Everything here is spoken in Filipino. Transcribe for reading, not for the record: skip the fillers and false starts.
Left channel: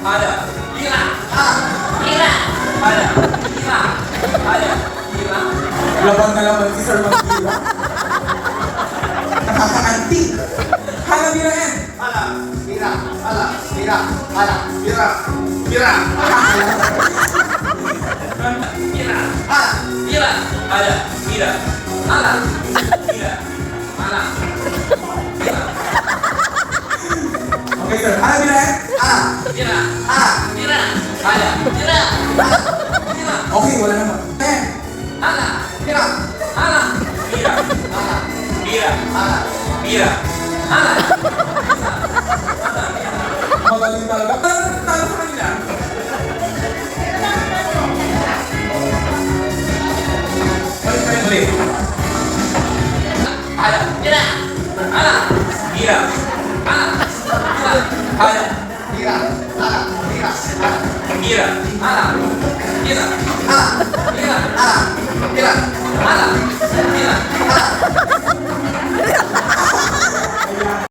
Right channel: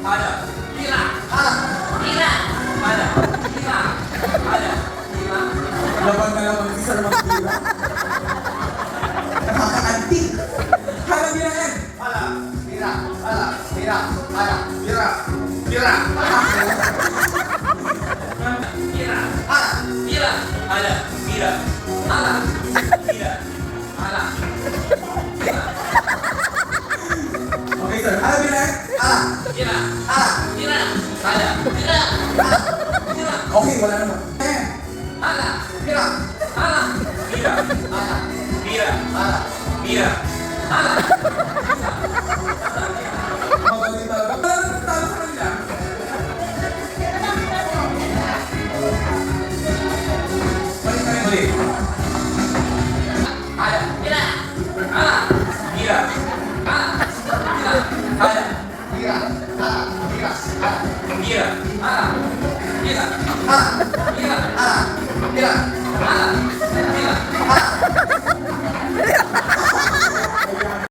ada, gila, gila, ada, gila, ada, gila. Labang na labang si Sir Magdila. Nakakaanti. Hala, bila yan. Ala, mira, ala, mira, ala, mira, mira. Mira, ala, mira, ada, mira, ala, mira, ala, mira. Okay, sir. Hala, bila yan. Mira, mira, ada, mira, mira. Okay, wala naman. Ayan. Ala, mira, ala, mira, ala, mira, ala, mira, ala. Magaling talaga. Talo ka nila. Balik tayo ulit. Ada, mira, ala, mira, ala, mira, ada, mira, ala, mira, mira, ala, mira, ala, mira, ala, mira, ala, mira, ala.